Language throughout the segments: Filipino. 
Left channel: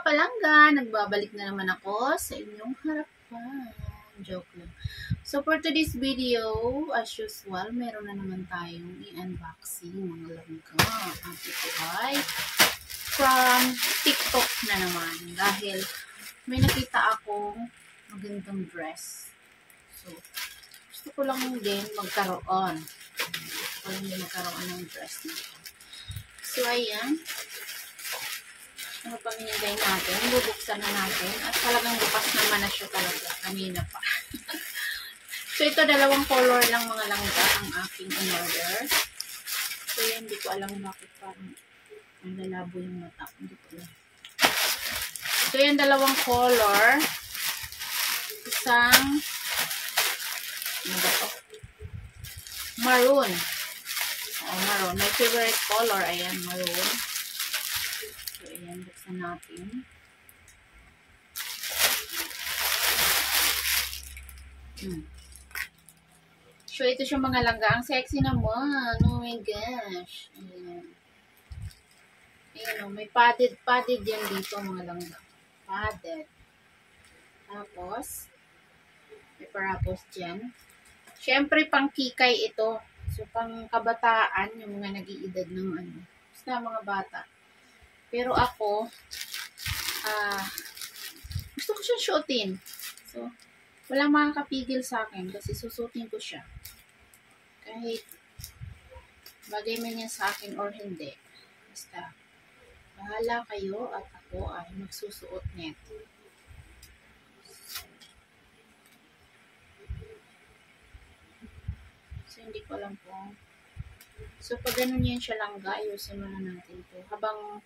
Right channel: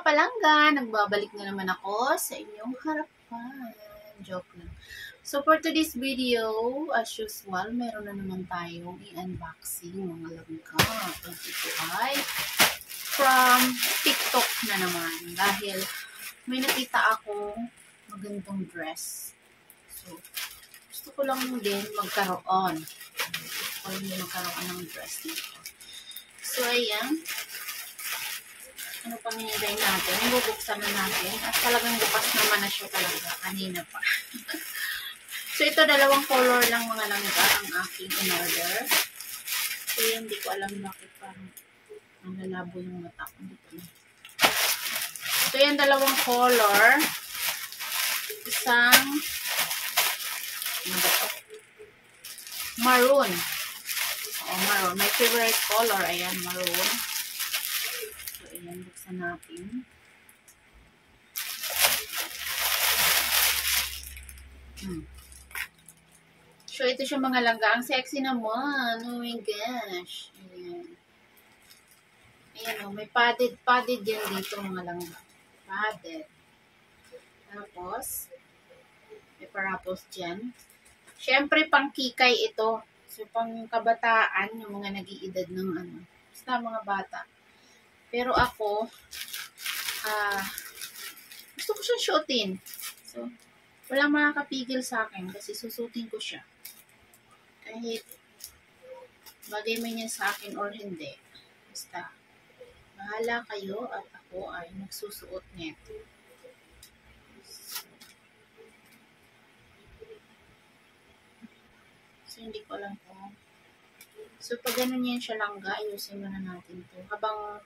Palangga, nagbabalik na naman ako sa inyong harapan. Joke lang. So for today's video, as usual, meron na naman tayong i-unboxing mga langga. Ang ito ay from TikTok na naman. Dahil may nakita akong magandang dress. So, gusto ko lang din magkaroon. Gusto ko lang din magkaroon ng dress dito. So, ayan. Ano pang hinintay natin? Bubuksan na natin. At talagang bukas naman na siya talaga. Kanina pa. So, ito dalawang color lang mga langga ang aking in-order. So, yan, hindi ko alam bakit parang nalalabo yung mata. Hindi ko alam. So, yan dalawang color. Isang ano ba ito? Maroon. Maroon. My favorite color. Ayan, maroon. Ayan, buksan natin. So, ito siya mga langga. Ang sexy naman. Oh my gosh. Ayan. Ayan o. May padded yan dito mga langga. Padded. Tapos, may parapos dyan. Siyempre, pang kikay ito. So, pang kabataan, yung mga nag-iedad ng ano. Basta mga bata. Pero ako, gusto ko siyang suotin. So, walang makakapigil sa akin kasi susutin ko siya. Kahit bagay man yan sa akin or hindi. Basta, bahala kayo at ako ay magsusuot nito. So, hindi ko alam po. So, pag ganun yan siya langga, ayusin muna natin to. Habang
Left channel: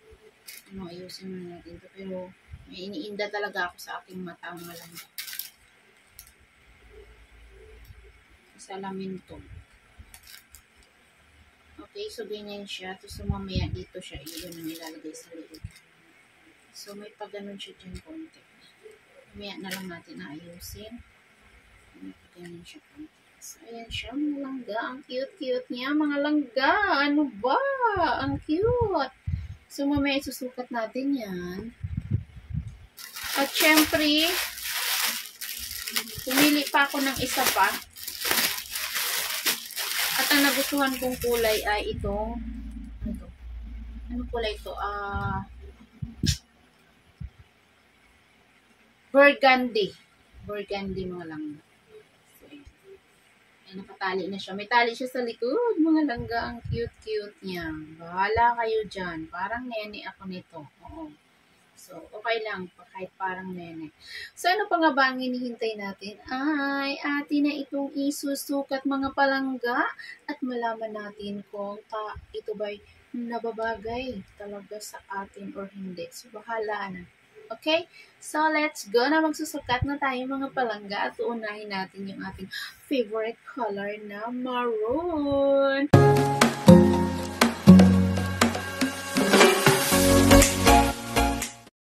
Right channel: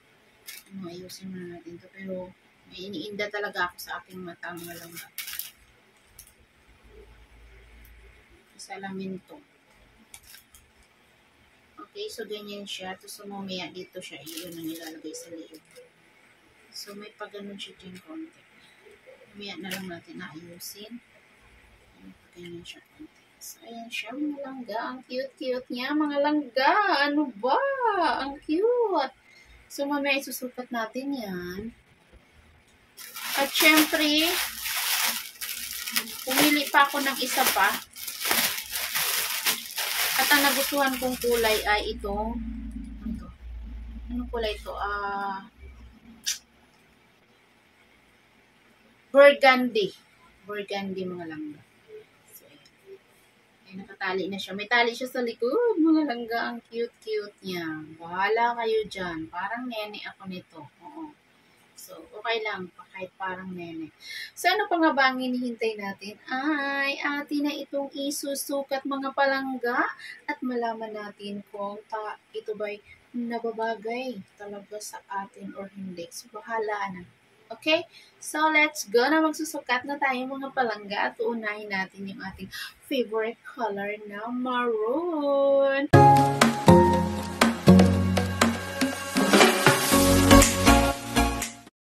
ayusin muna natin to. Pero, may iniinda talaga ako sa aking mata ang malangga. Salamin to. Okay, so ganyan siya. Tapos mamaya dito siya. Iyon ang ilalagay sa liig. So, may pag-ganon siya dyan konti. Mamaya na lang natin ayusin. May pag-ganon siya konti. So, ayan siya, mga langga. Ang cute-cute niya, mga langga. Ano ba? Ang cute. So, mamaya isusukat natin yan. At syempre, pumili pa ako ng isa pa. At ang nagustuhan kong kulay ay itong, ano to? Anong kulay ito? Burgundy. Burgundy, mga langga. So, ayan. Ay, nakatali na siya. May tali siya sa likod. Mga langga, ang cute-cute niya. Bahala kayo dyan. Parang nene ako nito. Oo. So, okay lang. Kahit parang nene. So, ano pa nga ba ang hinihintay natin? Ay, atin na itong isusukat mga palangga at malaman natin kung ito ba'y nababagay talaga sa atin or hindi. So, bahala na. Okay? So, let's go na. Magsusukat na tayo mga palangga at uunahin natin yung ating favorite color na maroon.